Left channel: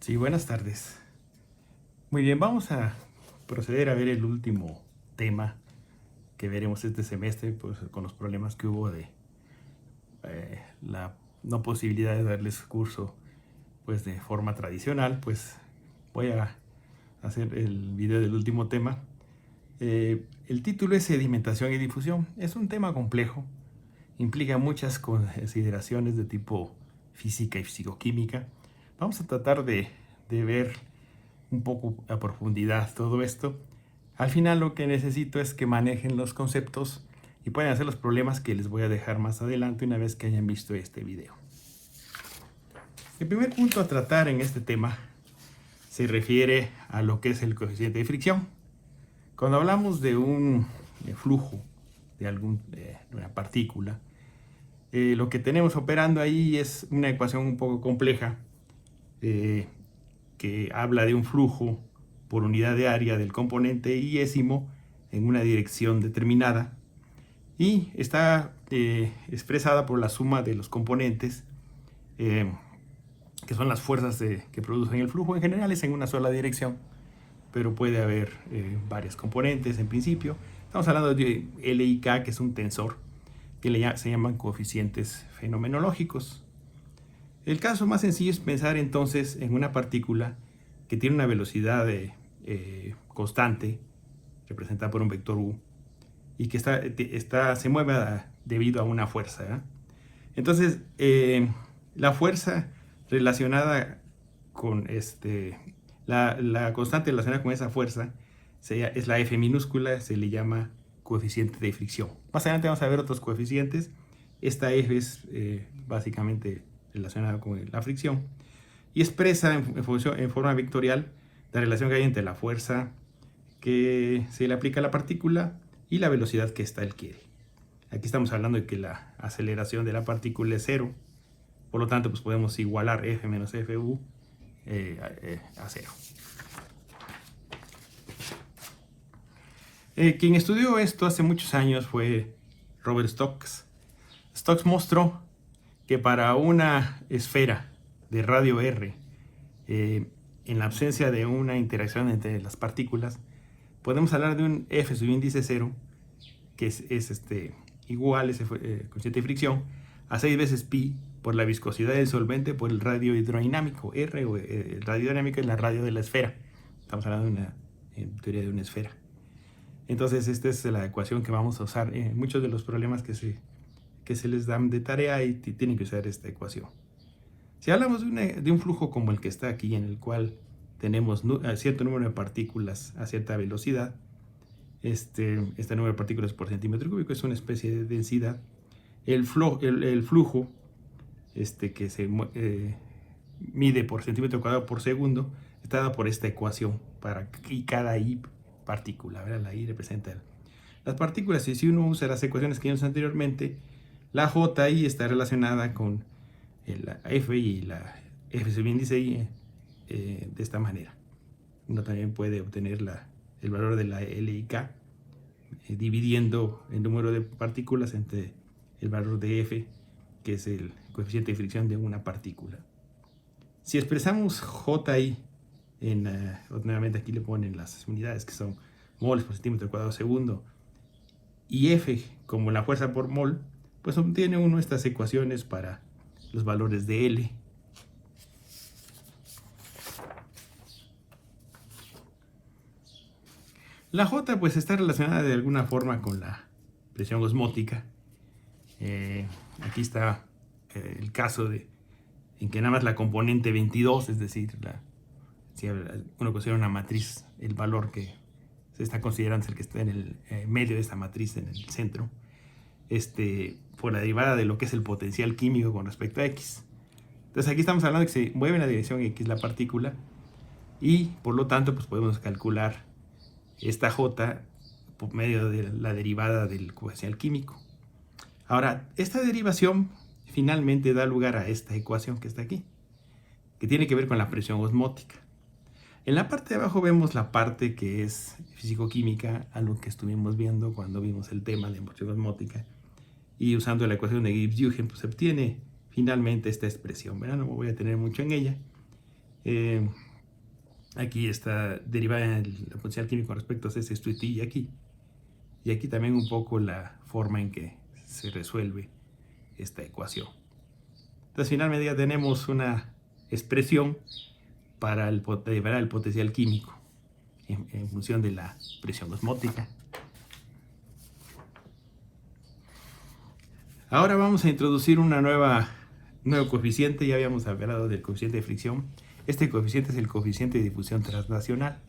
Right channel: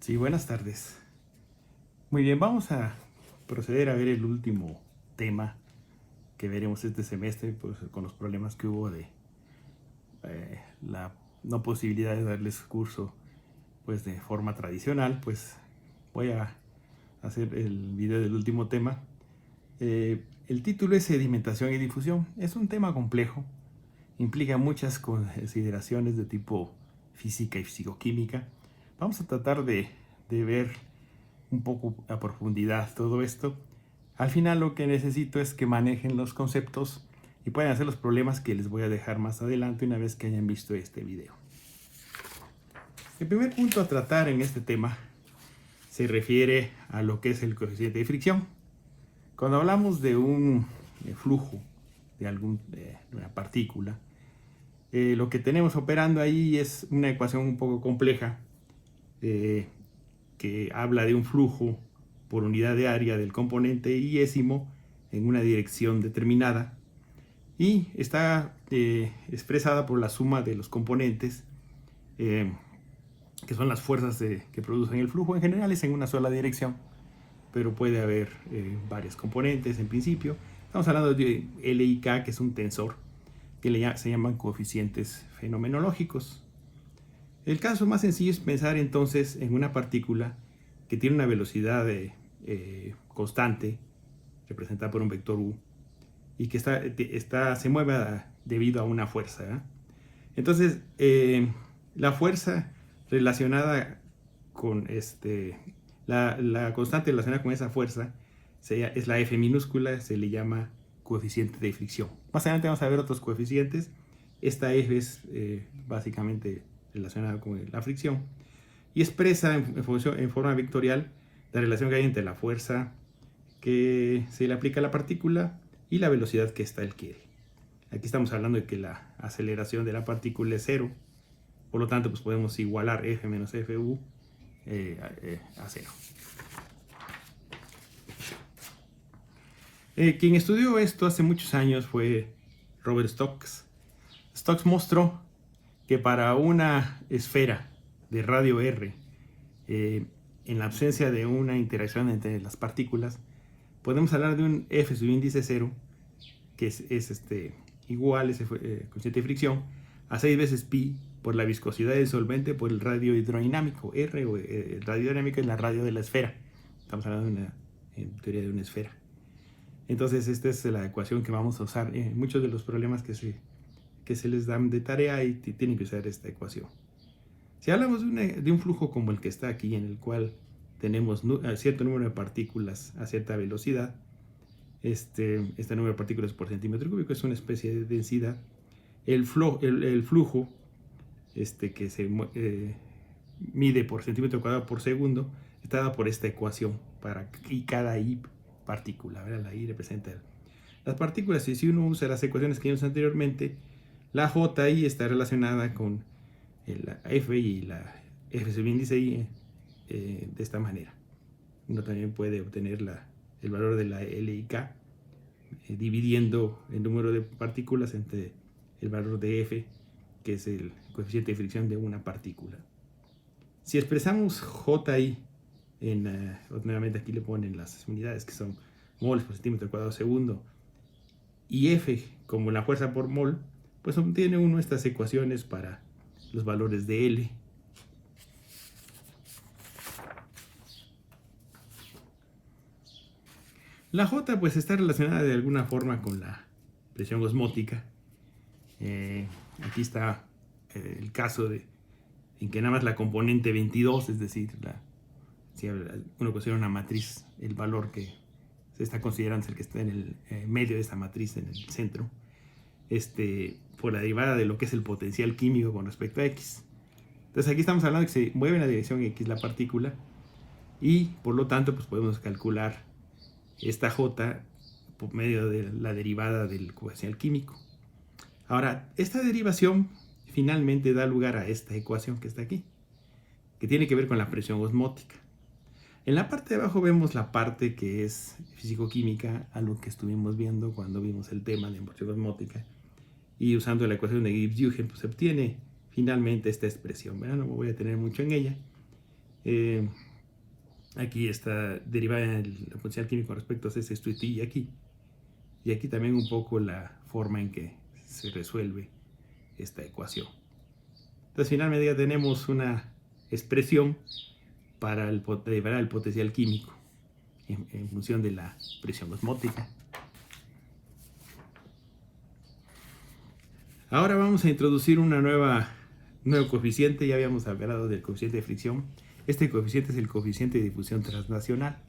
Sí, buenas tardes. Muy bien, vamos a proceder a ver el último tema que veremos este semestre, pues, con los problemas que hubo de la no posibilidad de darles curso pues de forma tradicional. Pues voy a hacer el video del último tema. El título es Sedimentación y difusión. Es un tema complejo, implica muchas consideraciones de tipo física y fisicoquímica. Vamos a tratar de ver un poco a profundidad todo esto. Al final lo que necesito es que manejen los conceptos y pueden hacer los problemas que les voy a dejar más adelante una vez que hayan visto este video. El primer punto a tratar en este tema se refiere a lo que es el coeficiente de fricción. Cuando hablamos de un flujo de una partícula, lo que tenemos operando ahí es una ecuación un poco compleja, que habla de un flujo por unidad de área del componente iésimo en una dirección determinada y está expresada por la suma de los componentes, que son las fuerzas que producen el flujo. En general es en una sola dirección, pero puede haber varios componentes en principio. Estamos hablando de L y K, que es un tensor, que se llaman coeficientes fenomenológicos. El caso más sencillo es pensar entonces en una partícula que tiene una velocidad constante, representada por un vector u, y que se mueve debido a una fuerza, ¿eh? Entonces, la fuerza relacionada con la constante relacionada con esa fuerza es la F minúscula, se le llama coeficiente de fricción. Más adelante vamos a ver otros coeficientes. Esta F es básicamente relacionada con la fricción y expresa en forma vectorial la relación que hay entre la fuerza que se le aplica a la partícula y la velocidad que ésta adquiere. Aquí estamos hablando de que la aceleración de la partícula es cero, por lo tanto pues podemos igualar F menos Fu a cero. Quien estudió esto hace muchos años fue Robert Stokes. Stokes mostró que para una esfera de radio R, en la ausencia de una interacción entre las partículas, podemos hablar de un F subíndice 0, que es igual, ese coeficiente de fricción, a 6 veces pi por la viscosidad del solvente por el radio hidrodinámico. R, o el radio dinámico, es la radio de la esfera. Estamos hablando en teoría de una esfera. Entonces esta es la ecuación que vamos a usar en muchos de los problemas que se les dan de tarea, y tienen que usar esta ecuación. Si hablamos de un flujo como el que está aquí, en el cual tenemos cierto número de partículas a cierta velocidad, este número de partículas por centímetro cúbico es una especie de densidad. El flujo que se mide por centímetro cuadrado por segundo está dado por esta ecuación y cada I partícula, ¿verdad? La I representa las partículas, y si uno usa las ecuaciones que vimos anteriormente, la JI está relacionada con la F y la F subíndice I de esta manera. Uno también puede obtener el valor de la L y K dividiendo el número de partículas entre el valor de F, que es el coeficiente de fricción de una partícula. Si expresamos JI nuevamente aquí le ponen las unidades que son moles por centímetro cuadrado segundo, y F como la fuerza por mol, pues obtiene uno estas ecuaciones para los valores de L. La J pues está relacionada de alguna forma con la presión osmótica. Aquí está el caso en que nada más la componente 22, es decir, si uno considera una matriz, el valor que se está considerando es el que está en el medio de esta matriz, en el centro, por la derivada de lo que es el potencial químico con respecto a X. Entonces aquí estamos hablando de que se mueve en la dirección X la partícula, y por lo tanto pues podemos calcular esta J por medio de la derivada del potencial químico. Ahora, esta derivación finalmente da lugar a esta ecuación que está aquí, que tiene que ver con la presión osmótica. En la parte de abajo vemos la parte que es físico-química, algo que estuvimos viendo cuando vimos el tema de presión osmótica, y usando la ecuación de Gibbs-Huygens pues se obtiene finalmente esta expresión, ¿verdad? No me voy a detener mucho en ella. Aquí está derivada el potencial químico respecto a ese esto y aquí. Y aquí también un poco la forma en que se resuelve esta ecuación. Entonces finalmente ya tenemos una expresión para derivar el potencial químico en función de la presión osmótica. Ahora vamos a introducir un nuevo coeficiente. Ya habíamos hablado del coeficiente de fricción. Este coeficiente es el coeficiente de difusión transnacional.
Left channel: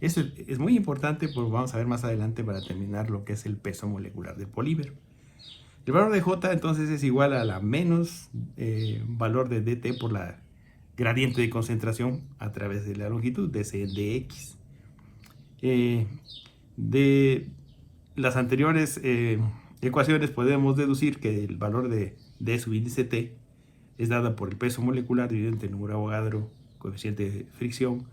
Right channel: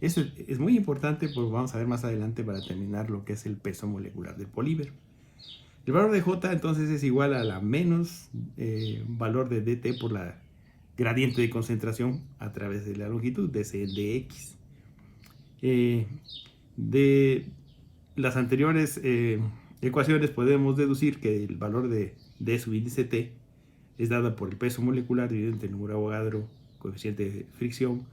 Este es muy importante porque vamos a ver más adelante para terminar lo que es el peso molecular del polímero. El valor de J entonces es igual a la menos valor de dt por la gradiente de concentración a través de la longitud de C dx. De las anteriores ecuaciones podemos deducir que el valor de D sub índice T es dado por el peso molecular dividido entre el número de Avogadro, coeficiente de fricción,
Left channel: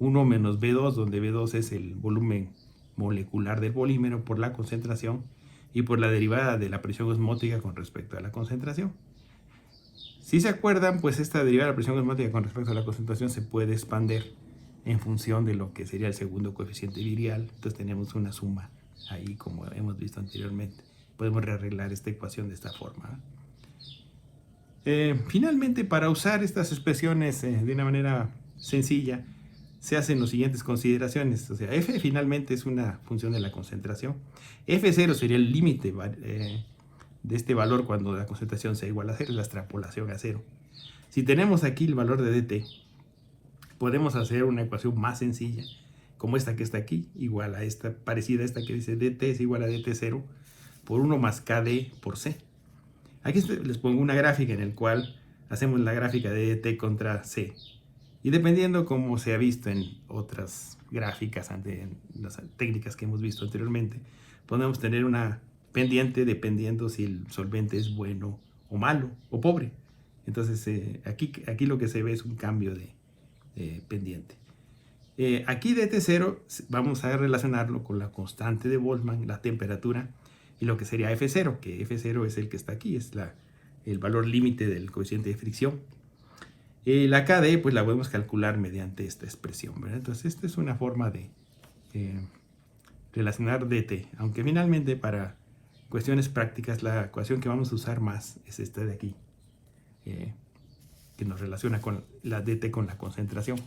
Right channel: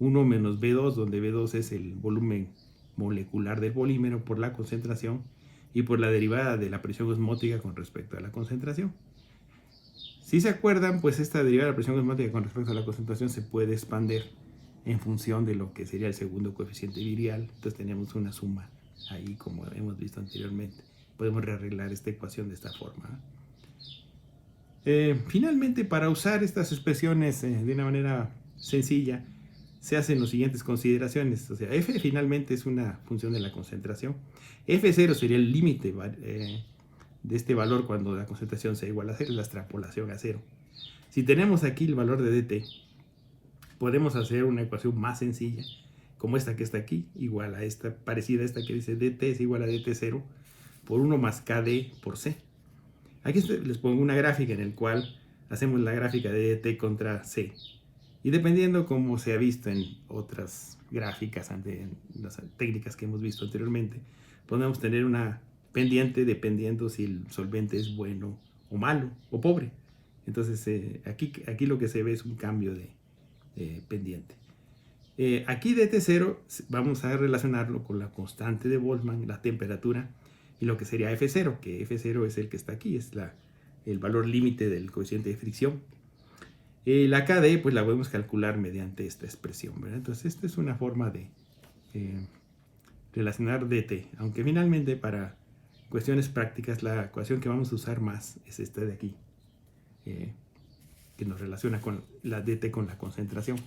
1 menos B2, donde B2 es el volumen molecular del polímero por la concentración y por la derivada de la presión osmótica con respecto a la concentración. Si se acuerdan, pues esta derivada de la presión osmótica con respecto a la concentración se puede expandir en función de lo que sería el segundo coeficiente virial. Entonces tenemos una suma ahí, como hemos visto anteriormente. Podemos rearreglar esta ecuación de esta forma. Finalmente, para usar estas expresiones de una manera sencilla, se hacen las siguientes consideraciones. O sea, f finalmente es una función de la concentración. F0 sería el límite de este valor cuando la concentración sea igual a 0, la extrapolación a 0. Si tenemos aquí el valor de dt, podemos hacer una ecuación más sencilla, como esta que está aquí, igual a esta, parecida a esta que dice dt es igual a dt0 por 1 más kd por c. Aquí les pongo una gráfica en la cual hacemos la gráfica de dt contra c. Y dependiendo como se ha visto en otras gráficas, en las técnicas que hemos visto anteriormente, podemos tener una pendiente dependiendo si el solvente es bueno o malo o pobre. Entonces aquí lo que se ve es un cambio de pendiente. Aquí dt0 vamos a relacionarlo con la constante de Boltzmann, la temperatura, y lo que sería F0, que F0 es el que está aquí, es el valor límite del coeficiente de fricción. La KD pues la podemos calcular mediante esta expresión, ¿verdad? Entonces esta es una forma de relacionar dt, aunque finalmente para cuestiones prácticas la ecuación que vamos a usar más es esta de aquí, que nos relaciona con la dt con la concentración.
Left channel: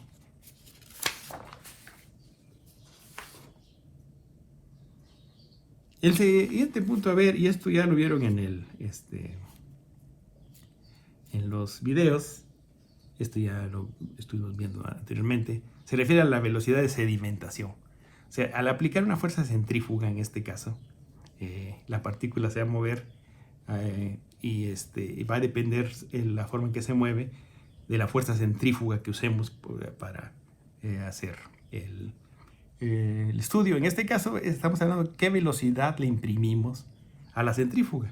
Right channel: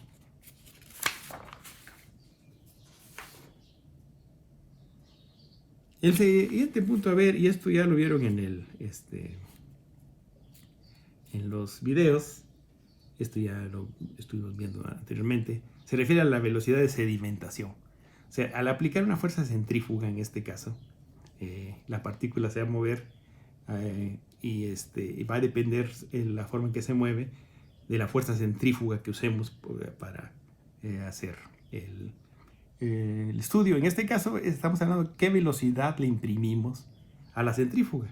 El siguiente punto a ver, y esto ya lo vieron en los videos, esto ya lo estuvimos viendo anteriormente, se refiere a la velocidad de sedimentación. O sea, al aplicar una fuerza centrífuga en este caso, la partícula se va a mover y va a depender la forma en que se mueve de la fuerza centrífuga que usemos para hacer el estudio. En este caso estamos hablando de qué velocidad le imprimimos a la centrífuga.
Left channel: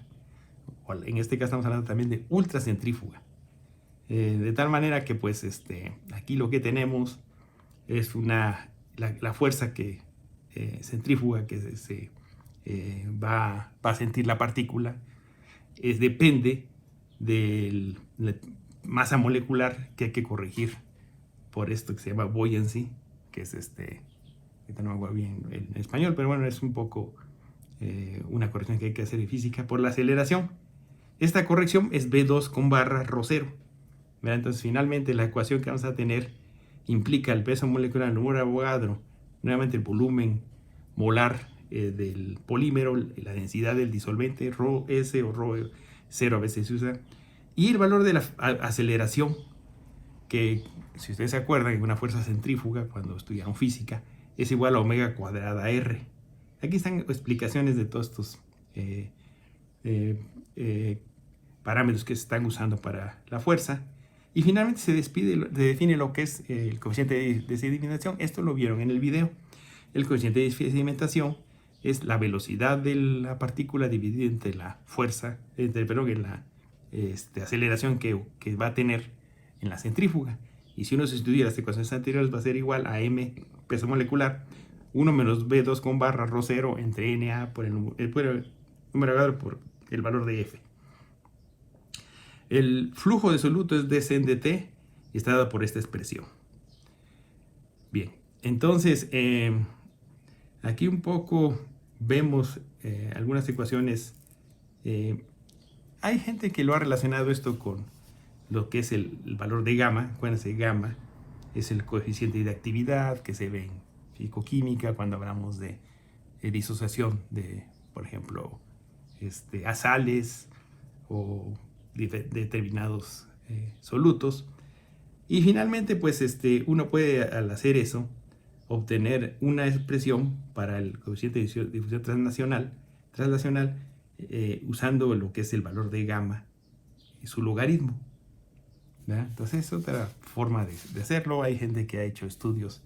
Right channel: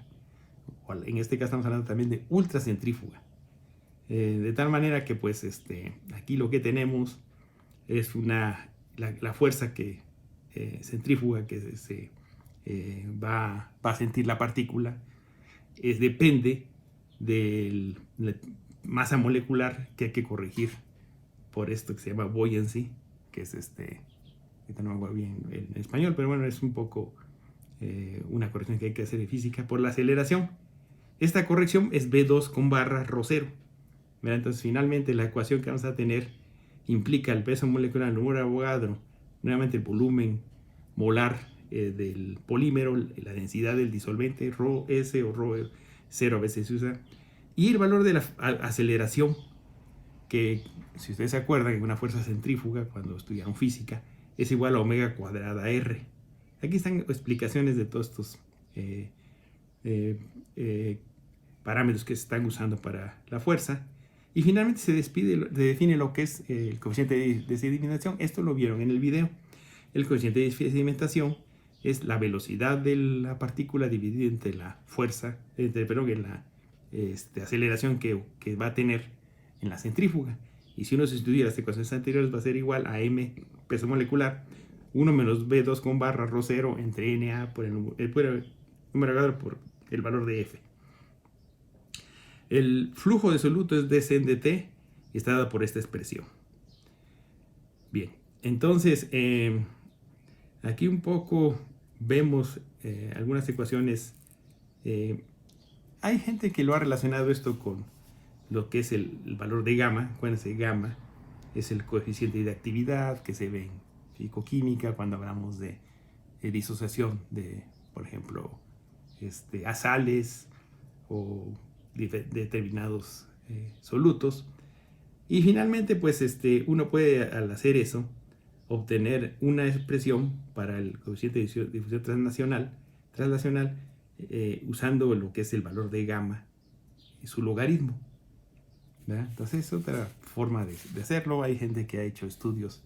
En este caso estamos hablando también de ultracentrífuga. De tal manera que pues aquí lo que tenemos es la fuerza centrífuga que se va a sentir la partícula. Depende de la masa molecular que hay que corregir por esto que se llama buoyancy, que es no me acuerdo bien en español, pero bueno, es un poco una corrección que hay que hacer de física por la aceleración. Esta corrección es B2 con barra ρ0. Entonces finalmente la ecuación que vamos a tener implica el peso molecular, el número de Avogadro, nuevamente el volumen molar del polímero, la densidad del disolvente, ρS o ρ0 a veces se usa, y el valor de la aceleración, que si ustedes se acuerdan de una fuerza centrífuga cuando estudiaron física, es igual a omega cuadrada R. Aquí están explicaciones de todos estos parámetros que se están usando para la fuerza. Y finalmente se define lo que es el coeficiente de sedimentación. Esto lo vieron en el video. El coeficiente de sedimentación es la velocidad de la partícula dividida entre la fuerza, la aceleración que va a tener en la centrífuga. Y si uno se estudia las ecuaciones anteriores, va a ser igual a m, peso molecular, 1 menos b2 con barra ρ0 entre na por el número por el valor de f. El flujo de soluto es dc en dt y está dado por esta expresión. Bien, entonces aquí un poco vemos algunas ecuaciones. Hay gente que lo ha relacionado esto con lo que es el valor de gamma. Acuérdense, gamma es el coeficiente de actividad que se ve en fisicoquímica cuando hablamos de disociación de, por ejemplo, azales o determinados solutos. Y finalmente, pues uno puede, al hacer eso, obtener una expresión para el coeficiente de difusión translacional usando lo que es el valor de gamma y su logaritmo. ¿Verdad? Entonces es otra forma de hacerlo. Hay gente que ha hecho estudios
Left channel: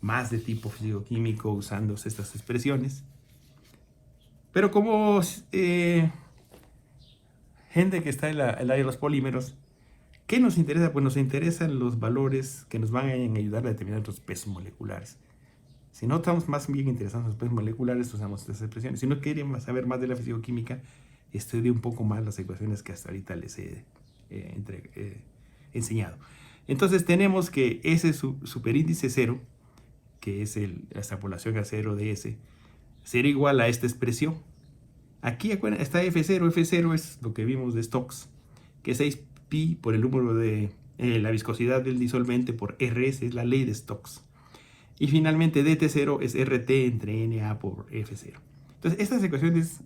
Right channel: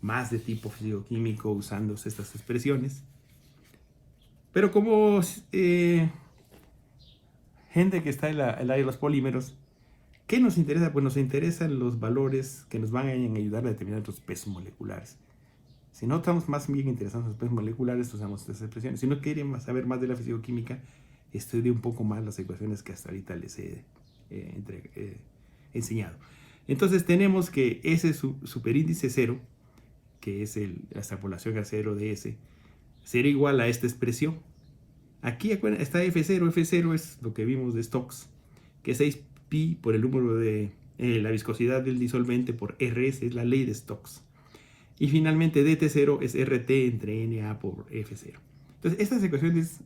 más de tipo físico-químico usando estas expresiones. Pero como gente que está en el área de los polímeros, ¿qué nos interesa? Pues nos interesan los valores que nos van a ayudar a determinar nuestros pesos moleculares. Si no estamos más bien interesados en los pesos moleculares, usamos estas expresiones. Si no quieren saber más de la fisicoquímica, estudie un poco más las ecuaciones que hasta ahorita les he enseñado. Entonces tenemos que ese superíndice 0, que es la extrapolación a 0 de S, será igual a esta expresión. Aquí está F0. F0 es lo que vimos de Stokes, que es 6pi por el número de la viscosidad del disolvente por Rs, es la ley de Stokes. Y finalmente dt0 es RT entre Na por F0. Entonces estas ecuaciones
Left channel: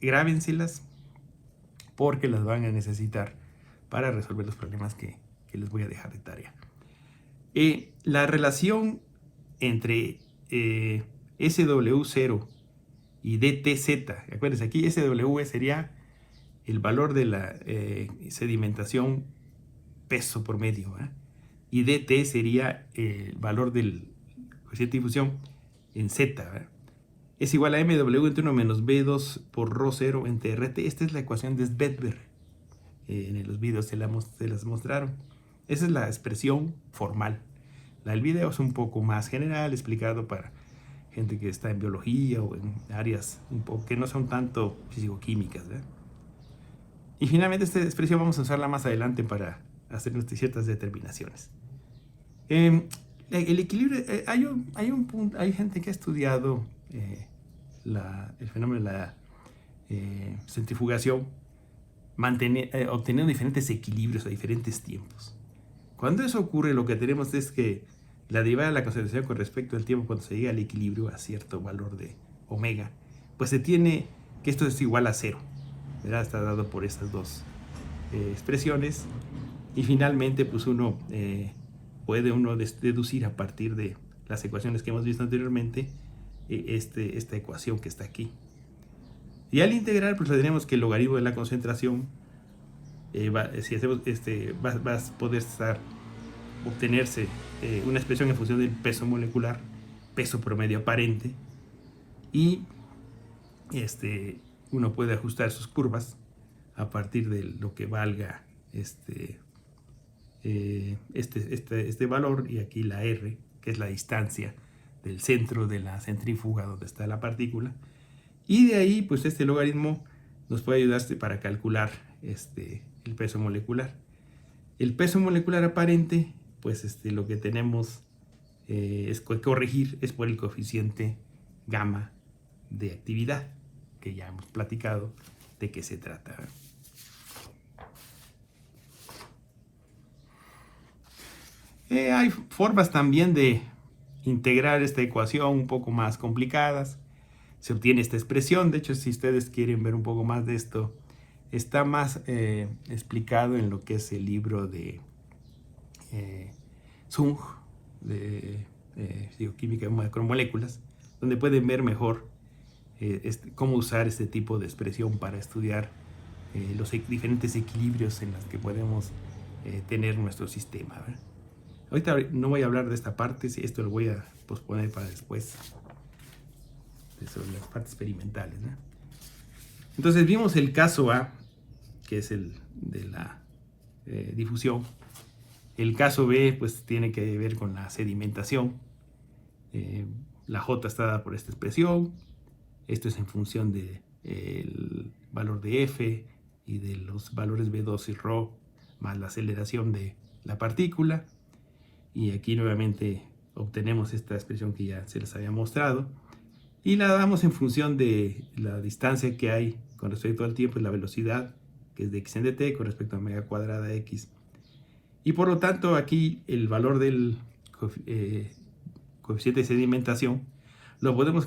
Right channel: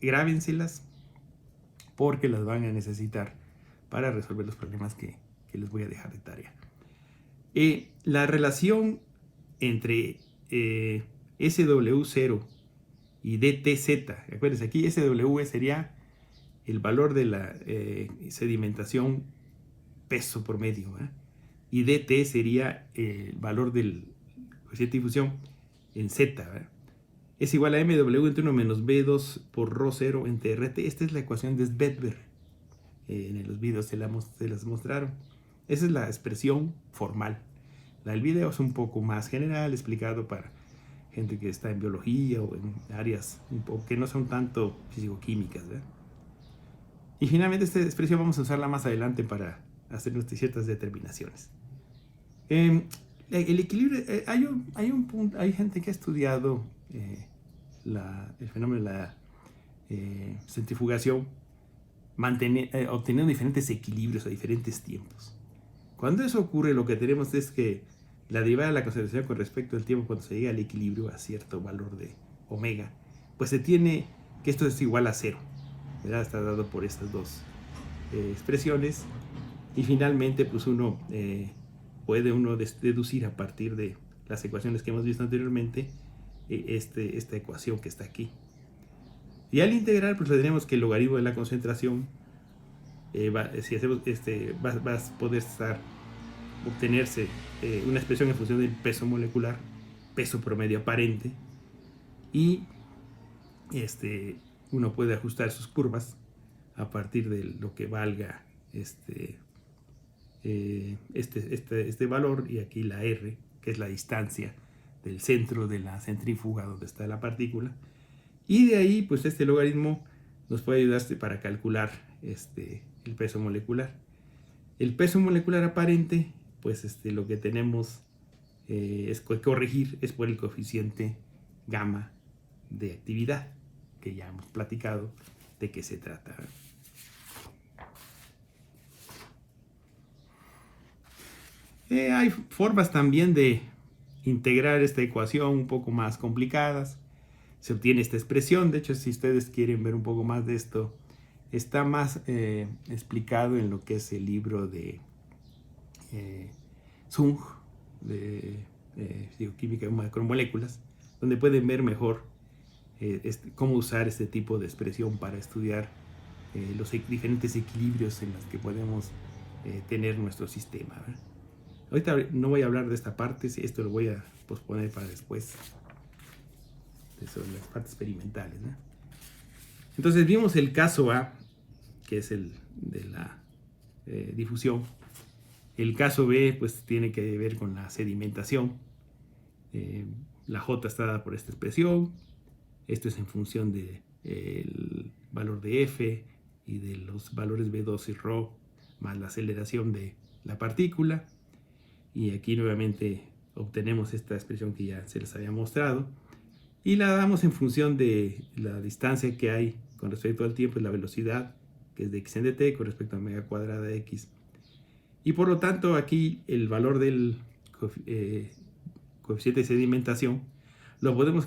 grábenselas porque las van a necesitar para resolver los problemas que les voy a dejar de tarea. La relación entre SW0 y DTZ, acuérdense, aquí SW sería el valor de la sedimentación peso promedio, ¿eh? Y dt sería el valor del coeficiente de difusión en z, ¿eh? Es igual a mw entre 1 menos b2 por ρ0 entre rt. Esta es la ecuación de Svedberg. En los videos se las mostraron. Esa es la expresión formal. El video es un poco más general, explicado para gente que está en biología o en áreas que no son tanto fisicoquímicas, ¿verdad? Y finalmente esta expresión vamos a usarla más adelante para hacer ciertas determinaciones. El equilibrio, hay gente que ha estudiado el fenómeno de la centrifugación, obteniendo diferentes equilibrios a diferentes tiempos. Cuando eso ocurre, lo que tenemos es que la derivada de la concentración con respecto al tiempo, cuando se llega al equilibrio a cierto valor de omega, pues se tiene que esto es igual a 0. ¿Verdad? Está dado por estas dos expresiones. Y finalmente, pues puede deducir a partir de las ecuaciones que hemos visto anteriormente esta ecuación que está aquí. Y al integrar, pues tenemos que el logaritmo de la concentración va a poder obtenerse una expresión en función del peso molecular, peso promedio aparente, y uno puede ajustar sus curvas a partir de lo que valga este valor, y aquí la R, que es la distancia del centro de la centrífuga donde está la partícula, y de ahí pues este logaritmo nos puede ayudar para calcular el peso molecular. El peso molecular aparente, pues lo que tenemos es que corregir es por el coeficiente gamma de actividad, que ya hemos platicado de qué se trata. Hay formas también de integrar esta ecuación un poco más complicadas. Se obtiene esta expresión. De hecho, si ustedes quieren ver un poco más de esto, está más explicado en lo que es el libro de Zung, de Bioquímica de Macromoléculas, donde pueden ver mejor cómo usar este tipo de expresión para estudiar los diferentes equilibrios en los que podemos tener nuestro sistema, ¿verdad? Ahorita no voy a hablar de esta parte, esto lo voy a posponer para después, sobre las partes experimentales, ¿no? Entonces vimos el caso A, que es el de la difusión. El caso B pues tiene que ver con la sedimentación. La J está dada por esta expresión. Esto es en función del valor de F y de los valores B2 y ρ más la aceleración de la partícula. Y aquí nuevamente obtenemos esta expresión que ya se les había mostrado y la damos en función de la distancia que hay con respecto al tiempo y la velocidad, que es de x en dt con respecto a omega cuadrada x. Y por lo tanto aquí el valor del coeficiente de sedimentación lo podemos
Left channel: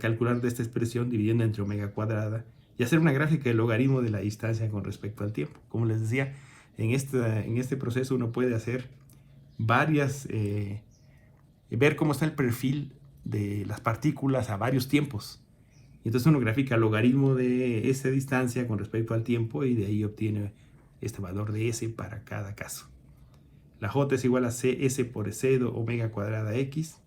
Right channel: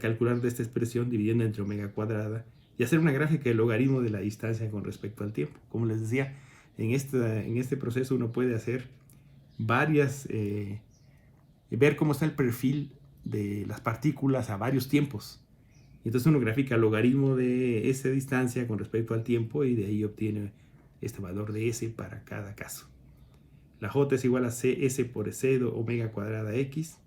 calcular de esta expresión dividiendo entre omega cuadrada y hacer una gráfica del logaritmo de la distancia con respecto al tiempo. Como les decía, en este proceso uno puede hacer varias, ver cómo está el perfil de las partículas a varios tiempos. Entonces uno grafica el logaritmo de esa distancia con respecto al tiempo y de ahí obtiene este valor de S para cada caso. La J es igual a S por C de omega cuadrada X.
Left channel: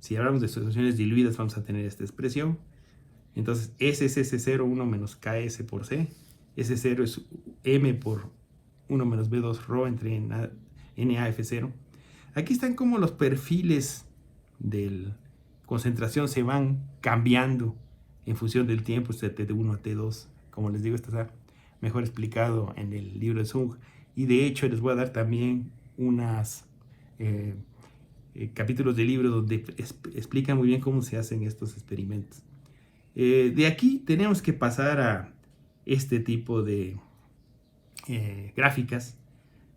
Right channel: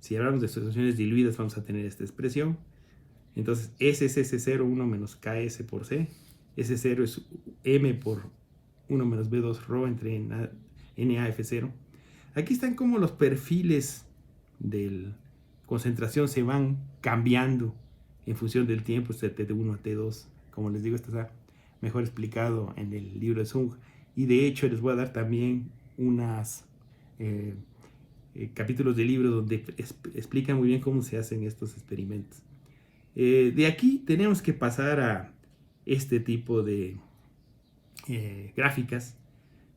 Si hablamos de situaciones diluidas vamos a tener esta expresión. Entonces S es S0, 1 menos KS por C. S0 es M por 1 menos B2 ρ entre NaF0. Aquí están como los perfiles de concentración se van cambiando en función del tiempo, de T1 a T2. Como les digo, esto está mejor explicado en el libro de Zhang. Y de hecho les voy a dar también unos capítulos del libro donde explican muy bien cómo se hacen estos experimentos. De aquí tenemos que pasar a este tipo de gráficas,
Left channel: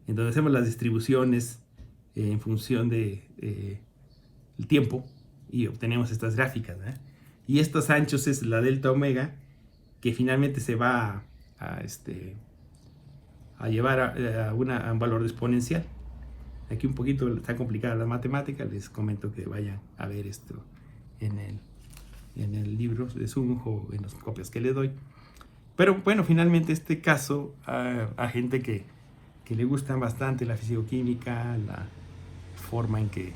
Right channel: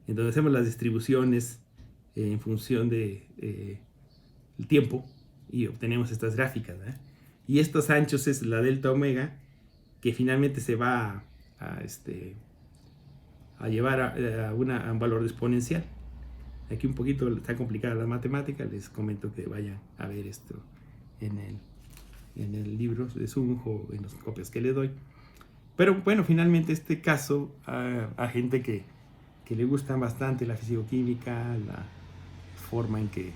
en donde hacemos las distribuciones en función de el tiempo y obtenemos estas gráficas, ¿eh? Y estos anchos es la delta omega que finalmente se va a llevar a un valor exponencial. Aquí un poquito está complicada la matemática, les comento que vayan a ver esto en el libro de Zhang o en las copias que le doy. Pero bueno, finalmente este caso a gente que le gusta bastante la fisicoquímica, la forma en que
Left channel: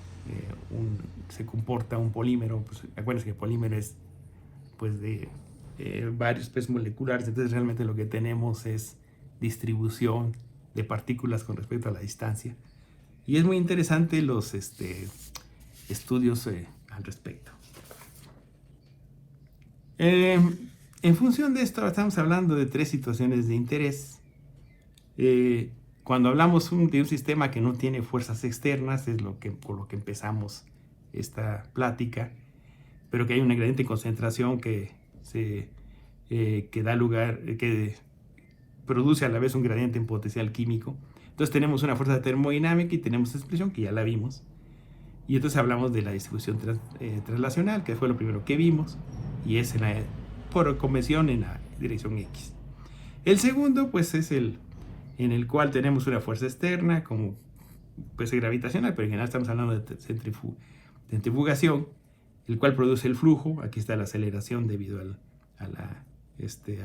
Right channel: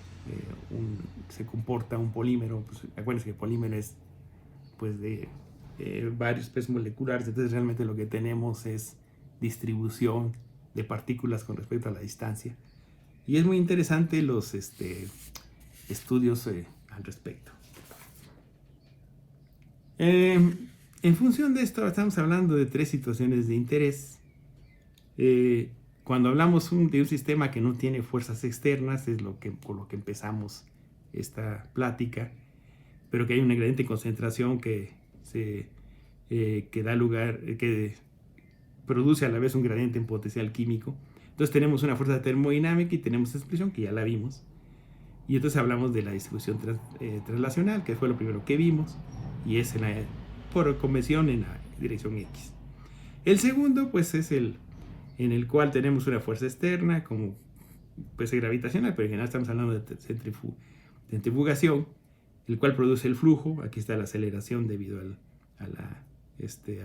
se comporta un polímero, pues acuérdense que el polímero es pues de varios pesos moleculares, entonces realmente lo que tenemos es distribución de partículas con respecto a la distancia y es muy interesante los estudios al respecto. En función de esto estamos hablando de tres situaciones de interés. Cuando hablamos de un sistema que no tiene fuerzas externas, es por lo que empezamos esta plática, pero que hay una gradiente concentración que da lugar, que produce a la vez un gradiente en potencial químico. Entonces tenemos una fuerza termodinámica y tenemos esta expresión que ya la vimos. Y entonces hablamos de la distribución translacional, que fue lo primero que vimos, y es por convención en la dirección X. El segundo, pues, es en el cual tenemos una fuerza externa, como pues gravitacional, pero en general estamos hablando de centrifugación, el cual produce el flujo. Aquí está la aceleración debido a la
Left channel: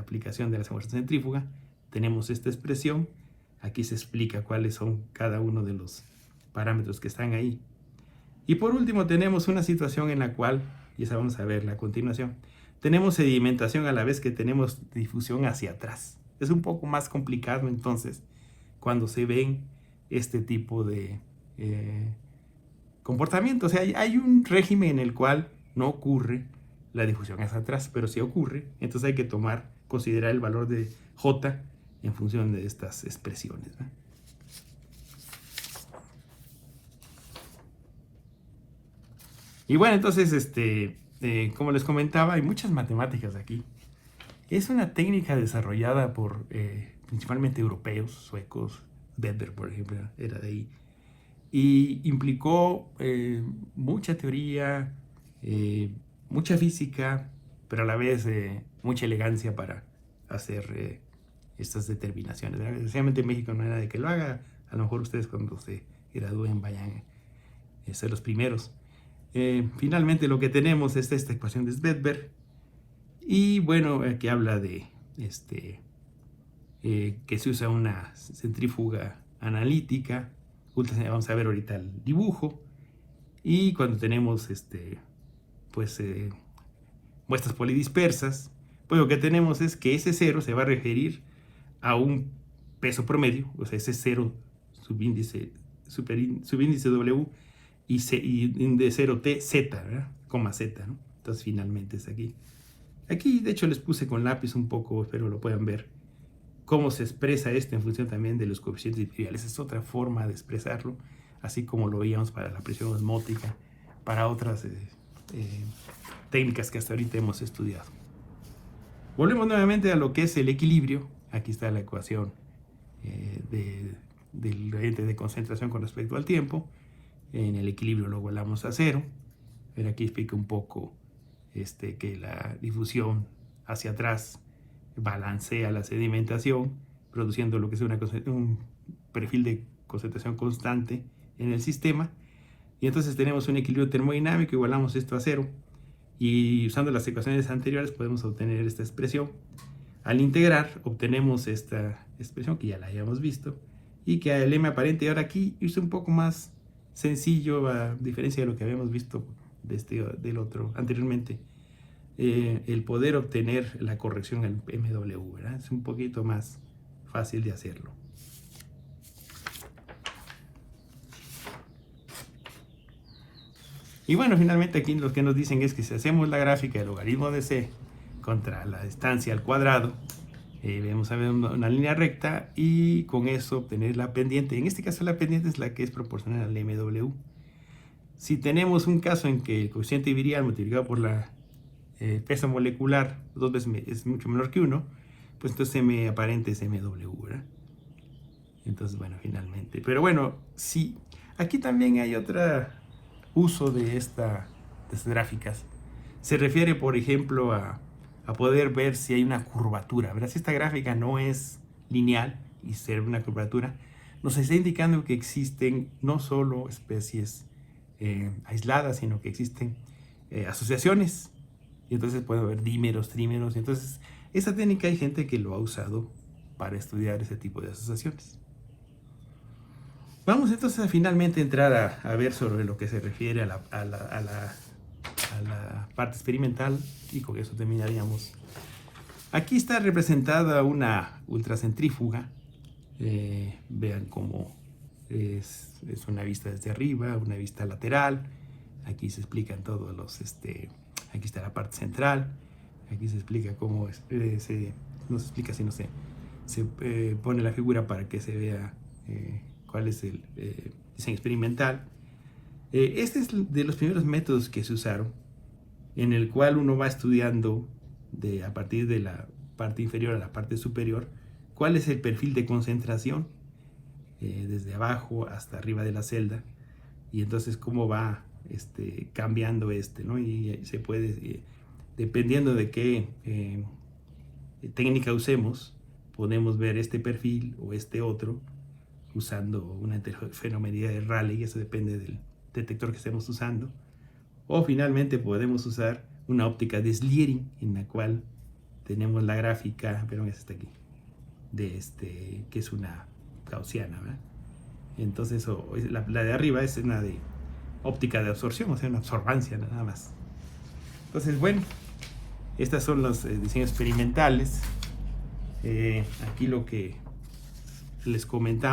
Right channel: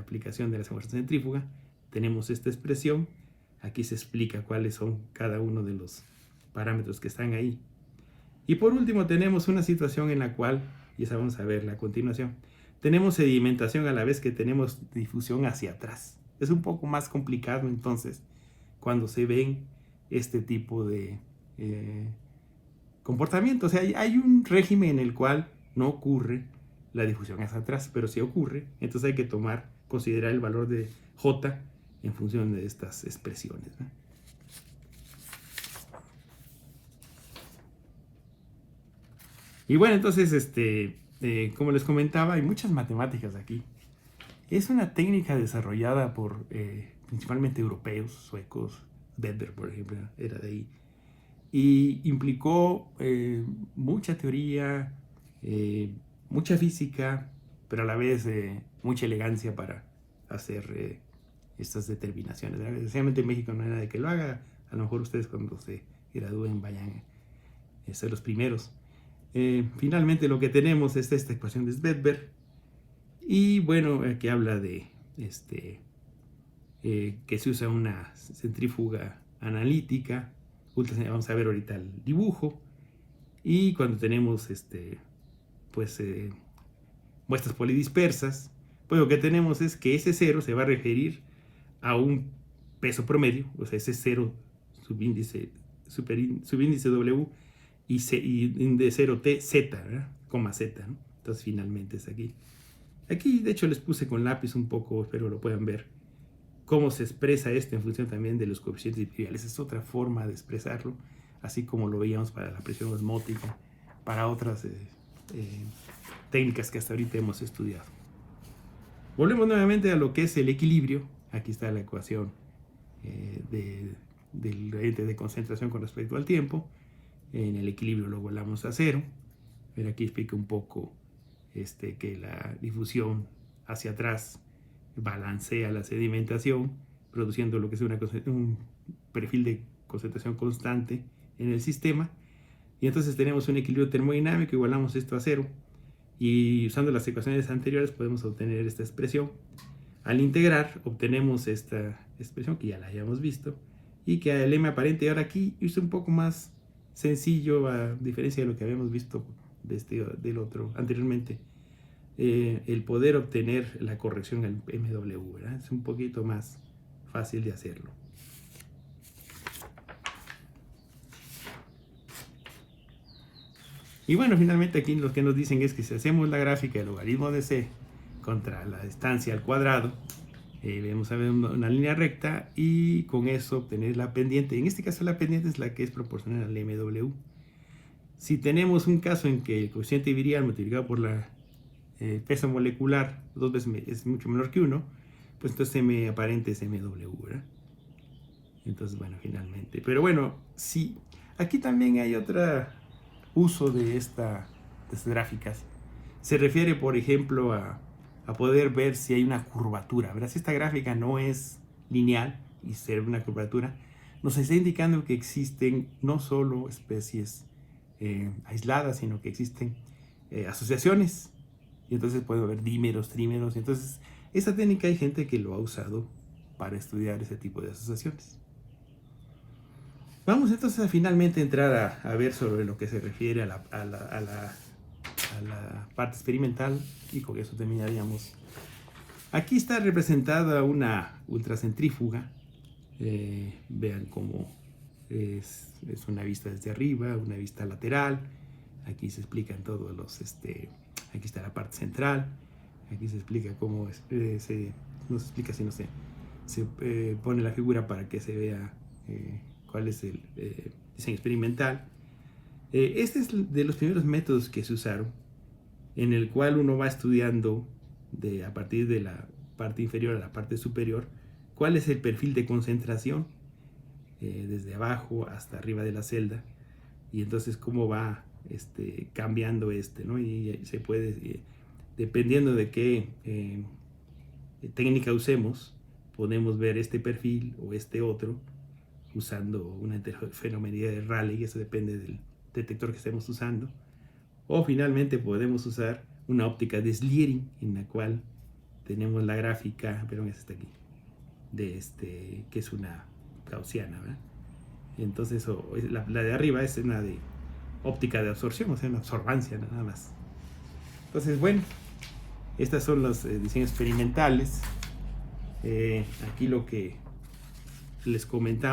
aplicación de la fuerza centrífuga. Tenemos esta expresión, aquí se explica cuáles son cada uno de los parámetros que están ahí. Y por último tenemos una situación en la cual, y esa vamos a verla a continuación, tenemos sedimentación a la vez que tenemos difusión hacia atrás. Es un poco más complicado entonces cuando se ven este tipo de comportamiento. O sea, hay un régimen en el cual no ocurre la difusión hacia atrás, pero sí ocurre. Entonces hay que considerar el valor de J en función de estas expresiones, ¿no? Y bueno, entonces, como les comentaba, hay muchas matemáticas aquí. Es una técnica desarrollada por principalmente europeos, suecos. Weber, por ejemplo, era de ahí. Y implicó mucha teoría, mucha física, pero a la vez mucha elegancia para hacer estas determinaciones. Especialmente en México no hay nadie que lo haga. A lo mejor ustedes cuando se gradúen vayan a ser los primeros. Finalmente lo que tenemos es esta ecuación de Svedberg. Y bueno, aquí habla de que se usa una centrífuga analítica. Vamos a ver ahorita el dibujo. Y cuando tenemos muestras polidispersas, pues lo que tenemos es que ese cero se va a referir a un peso promedio, o sea, ese cero subíndice W y de 0T, Z, ¿verdad? Coma Z, ¿no? Entonces finalmente es aquí. Aquí, de hecho, les puse con lápiz un poco, espero lo puedan ver, cómo se expresa esto en función también de los coeficientes individuales. Es otra forma de expresarlo. así como lo veíamos para la presión osmótica, para otras técnicas que hasta ahorita hemos estudiado. Volvemos nuevamente a lo que es el equilibrio. Aquí está la ecuación del gradiente de concentración con respecto al tiempo. En el equilibrio lo volamos a cero. Pero aquí explica un poco que la difusión hacia atrás balancea la sedimentación, produciendo lo que es un perfil de concentración constante en el sistema. Y entonces tenemos un equilibrio termodinámico, igualamos esto a cero. Y usando las ecuaciones anteriores podemos obtener esta expresión. Al integrar obtenemos esta expresión que ya la hayamos visto y que el m aparente ahora aquí es un poco más sencillo a diferencia de lo que habíamos visto del otro anteriormente. El poder obtener la corrección al MW, ¿verdad? Es un poquito más fácil de hacerlo. Y bueno, finalmente aquí lo que nos dicen es que si hacemos la gráfica del logaritmo de c contra la distancia al cuadrado, vamos a ver una línea recta y con eso obtener la pendiente. En este caso la pendiente es la que es proporcional al MW. Si tenemos un caso en que el coeficiente virial multiplicado por la peso molecular 2 veces es mucho menor que 1, pues entonces M aparente es MW, ¿verdad? Entonces, bueno, finalmente. Pero bueno, sí, aquí también hay otro uso de estas gráficas. Se refiere, por ejemplo, a poder ver si hay una curvatura, ¿verdad? Si esta gráfica no es lineal y se ve una curvatura, nos está indicando que existen no solo especies aisladas, sino que existen asociaciones. Y entonces puede haber dímeros, trímeros. Entonces, esta técnica hay gente que lo ha usado para estudiar ese tipo de asociaciones. Vamos entonces a finalmente entrar a ver sobre lo que se refiere a la parte experimental y con eso terminaríamos. Aquí está representada una ultracentrífuga. Vean cómo es una vista desde arriba, una vista lateral. Aquí se explican todos los... aquí está la parte central. Aquí se explica cómo no se explica, sino se pone la figura para que se vea cuál es el diseño experimental. Este es de los primeros métodos que se usaron, en el cual uno va estudiando a partir de la parte inferior a la parte superior cuál es el perfil de concentración desde abajo hasta arriba de la celda, y entonces cómo va cambiando ¿no? Y se puede, dependiendo de qué técnica usemos, podemos ver este perfil o este otro usando una interferometría de Rayleigh. Eso depende del detector que estemos usando. O finalmente podemos usar una óptica de Sliering, en la cual tenemos la gráfica, perdón, es esta aquí, que es una gaussiana, ¿verdad? Entonces la de arriba es una de óptica de absorción, o sea, una absorbancia nada más. Entonces, bueno, estos son los diseños experimentales. Aquí lo que les comento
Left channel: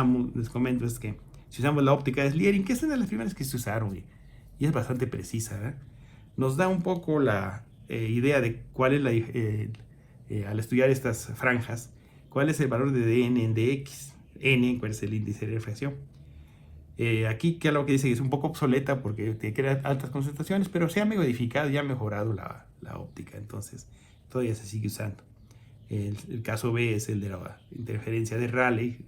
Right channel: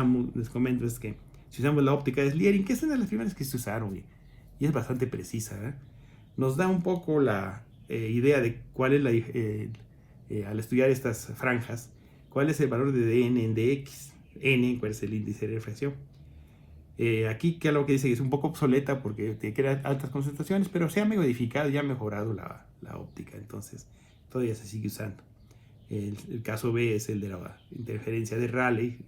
es que si usamos la óptica de Sliering, que es una de las primeras que se usaron y es bastante precisa, ¿verdad? Nos da un poco la idea de cuál es al estudiar estas franjas, cuál es el valor de dn en dx, n, cuál es el índice de refracción. Aquí que lo que dice es un poco obsoleta porque te crea altas concentraciones, pero se ha modificado y ha mejorado la óptica, entonces todavía se sigue usando. El caso B es el de la interferencia de Rayleigh.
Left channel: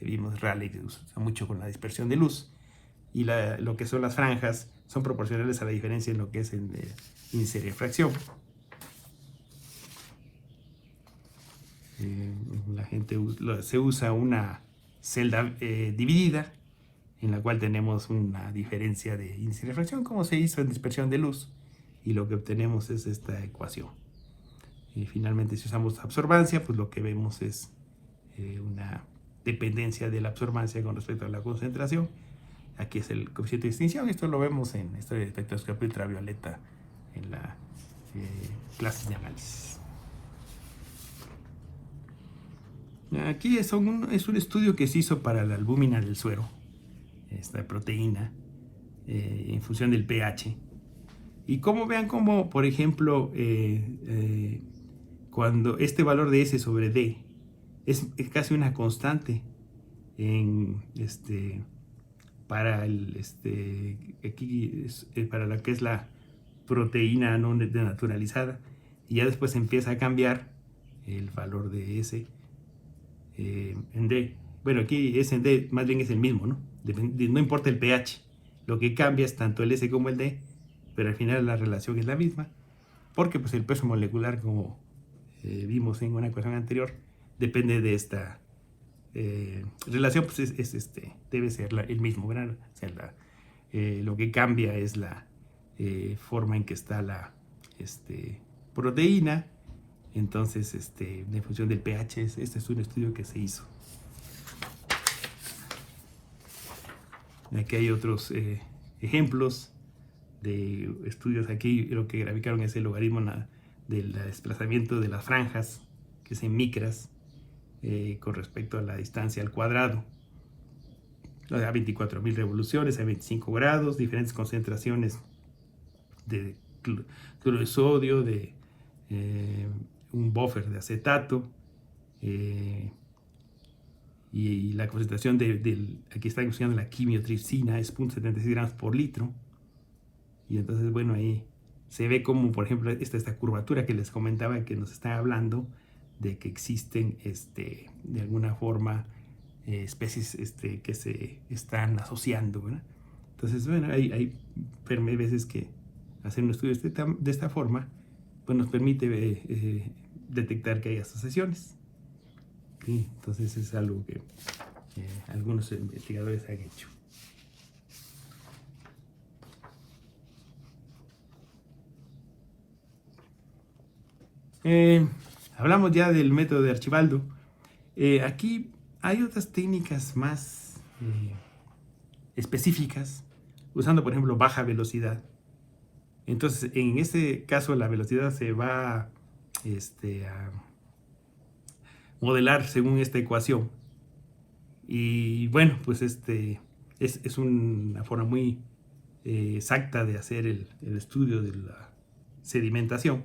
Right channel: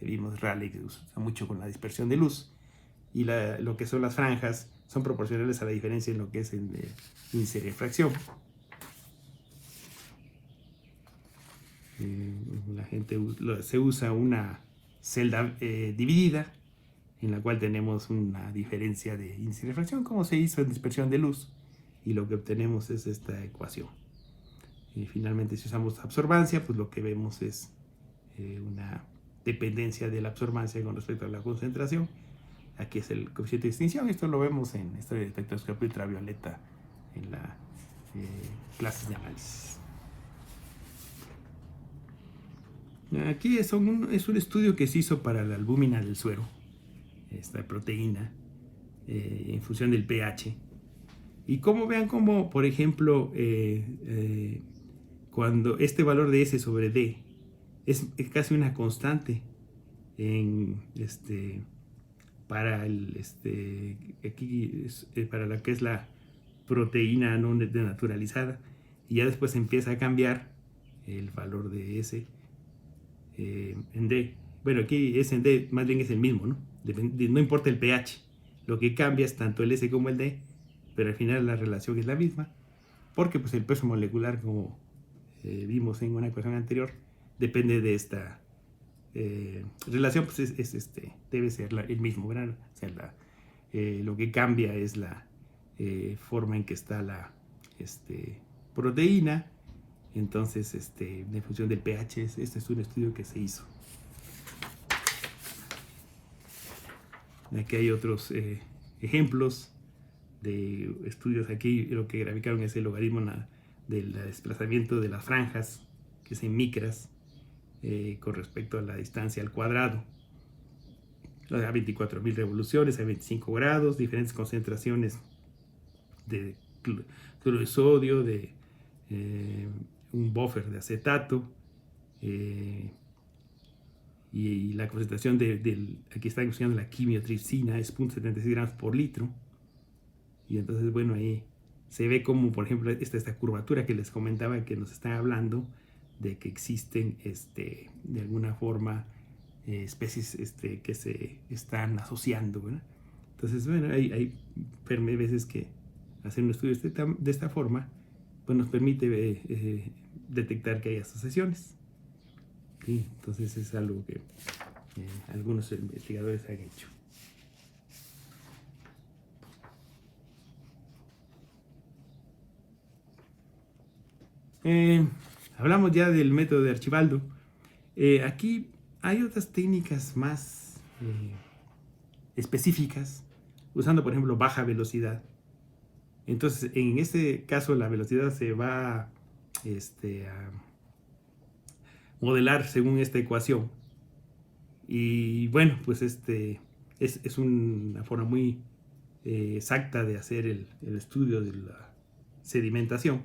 Vimos Rayleigh que usa mucho con la dispersión de luz, y lo que son las franjas son proporcionales a la diferencia en lo que es el índice de refracción. Se usa una celda dividida, en la cual tenemos una diferencia de índice de refracción como se hizo en dispersión de luz, y lo que obtenemos es esta ecuación. Y finalmente, si usamos absorbancia, pues lo que vemos es una dependencia de la absorbancia con respecto a la concentración. Aquí es el coeficiente de extinción. Esto lo vemos en la historia de espectroscopia ultravioleta en las clases de análisis. Aquí es un estudio que se hizo para la albúmina del suero, esta proteína, en función del pH. Y como vean como, por ejemplo, cuando este valor de S sobre D es casi una constante en para para lo que es la proteína no naturalizada, y ya después empieza a cambiar el valor de S en D. Bueno, aquí S en D más bien es el mismo, ¿no? No importa el pH, lo que cambia es tanto el S como el D, pero al final la relación es la misma, porque pues el peso molecular, como vimos en una ecuación anterior, depende de esta relación, pues debe ser el mismo, ¿verdad? O sea, lo que cambia es la forma en que está la proteína. Entonces, en función del pH, este es un estudio que se hizo. Aquí hay otros ejemplos de estudios. Aquí lo que graficaron es el logaritmo del desplazamiento de las franjas, que es en micras, con respecto a la distancia al cuadrado. A 24.000 revoluciones, a 25 grados, diferentes concentraciones de cloruro de sodio, de un buffer de acetato, y la concentración aquí está usando la quimiotripsina, es 0.76 gramos por litro. Y entonces, bueno, ahí se ve como, por ejemplo, esta curvatura que les comentaba, que nos está hablando de que existen de alguna forma especies que se están asociando, ¿verdad? Entonces, bueno, hay veces que hacer un estudio de esta forma pues nos permite detectar que hay asociaciones. ¿Sí? Entonces es algo que algunos investigadores han hecho. Hablamos ya del método de Archibaldo. Aquí hay otras técnicas más específicas, usando por ejemplo baja velocidad. Entonces en este caso la velocidad se va a modelar según esta ecuación. Y bueno, pues es una forma muy exacta de hacer el estudio de la sedimentación.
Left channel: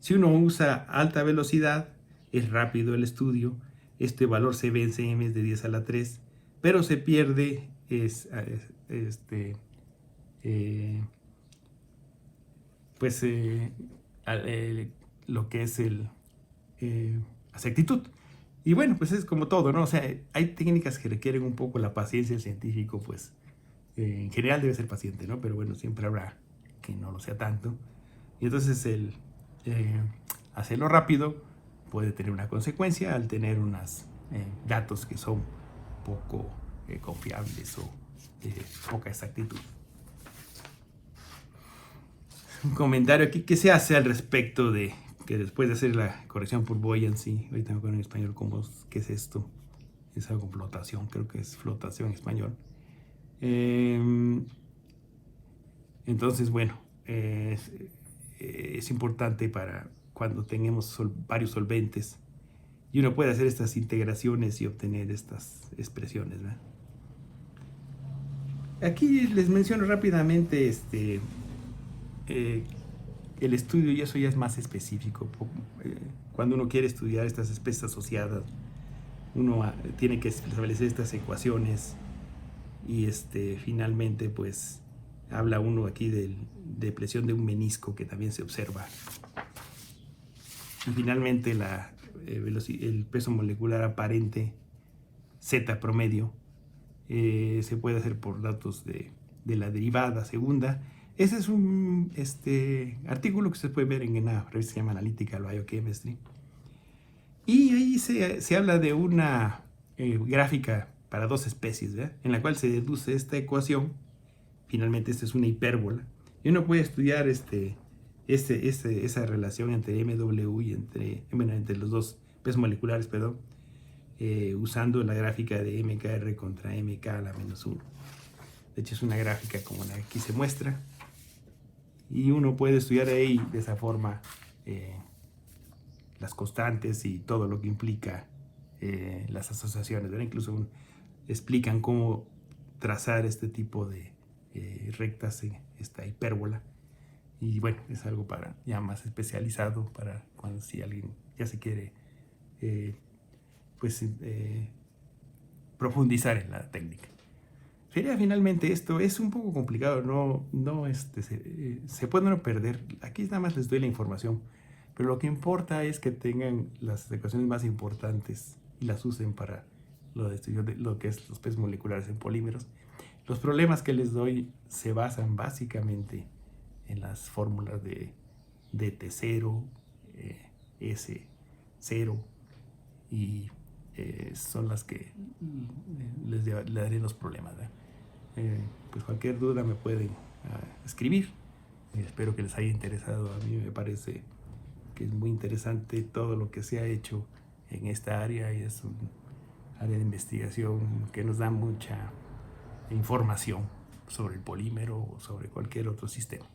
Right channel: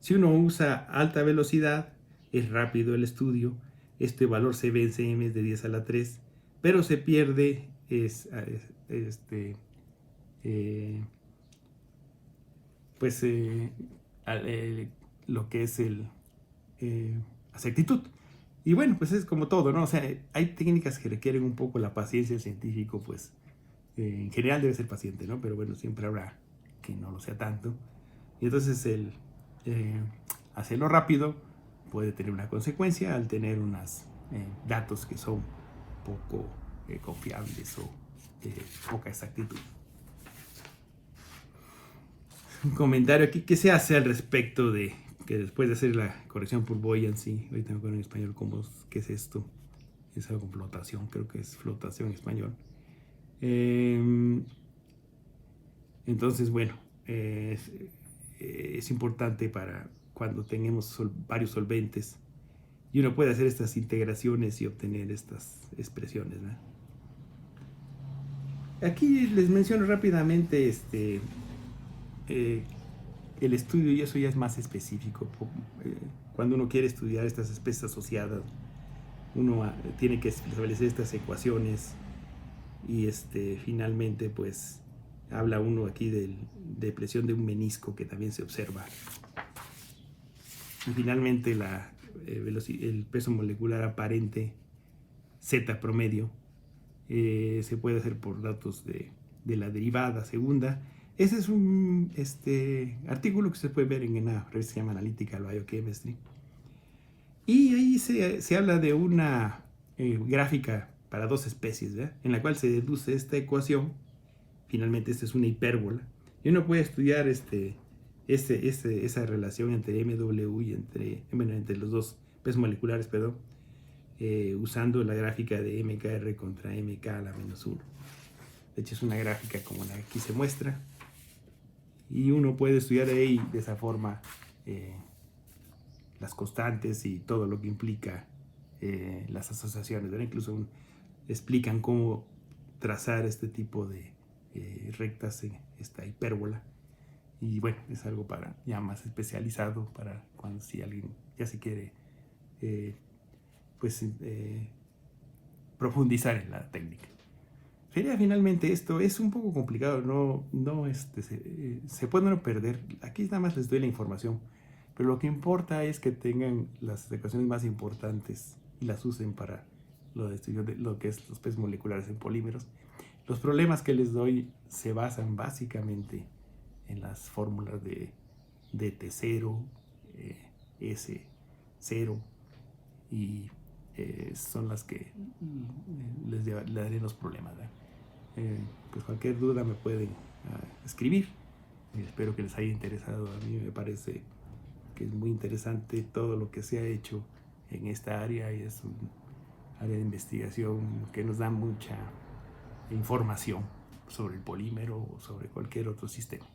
Si uno usa alta velocidad, es rápido el estudio. Este valor se ve en cm de 10 a la 3, pero se pierde lo que es el exactitud. Y bueno, pues es como todo, ¿no? O sea, hay técnicas que requieren un poco la paciencia. El científico, pues, en general debe ser paciente, ¿no? Pero bueno, siempre habrá que no lo sea tanto. Y entonces hacerlo rápido puede tener una consecuencia al tener unos datos que son poco confiables o poca exactitud. Un comentario aquí, ¿qué se hace al respecto de que después de hacer la corrección por buoyancy, ahorita me acuerdo en español qué es esto? Es algo con flotación, creo que es flotación en español. Entonces, bueno, es importante para cuando tenemos varios solventes y uno puede hacer estas integraciones y obtener estas expresiones, ¿verdad? Aquí les menciono rápidamente el estudio, y eso ya es más específico. Cuando uno quiere estudiar estas especies asociadas, uno tiene que establecer estas ecuaciones y finalmente pues habla uno aquí de presión de un menisco que también se observa. Y finalmente el peso molecular aparente Z promedio se puede hacer por datos de la derivada segunda. Este es un artículo que se puede ver en una revista que se llama Analytical Biochemistry. Y ahí se habla de una gráfica para dos especies, ¿verdad? En la cual se deduce esta ecuación. Finalmente, esta es una hipérbola. Y uno puede estudiar esa relación entre MW y entre los dos pesos moleculares, perdón, usando la gráfica de MKR contra MK a la menos 1. De hecho, es una gráfica como la que aquí se muestra. Y uno puede estudiar ahí de esa forma las constantes y todo lo que implica las asociaciones, ¿verdad? Incluso explican cómo trazar este tipo de rectas en esta hipérbola. Y bueno, es algo para ya más especializado para cuando si alguien ya se quiere profundizar en la técnica. Sería finalmente esto, es un poco complicado, se puede no perder, aquí nada más les doy la información, pero lo que importa es que tengan las ecuaciones más importantes y las usen para lo de estudio de lo que es los pesos moleculares en polímeros. Los problemas que les doy se basan básicamente en las fórmulas de DT0, S0 y son las que les daré los problemas. Pues cualquier duda me pueden escribir. Espero que les haya interesado. A mí me parece que es muy interesante todo lo que se ha hecho en esta área y es un área de investigación que nos da mucha información sobre el polímero o sobre cualquier otro sistema.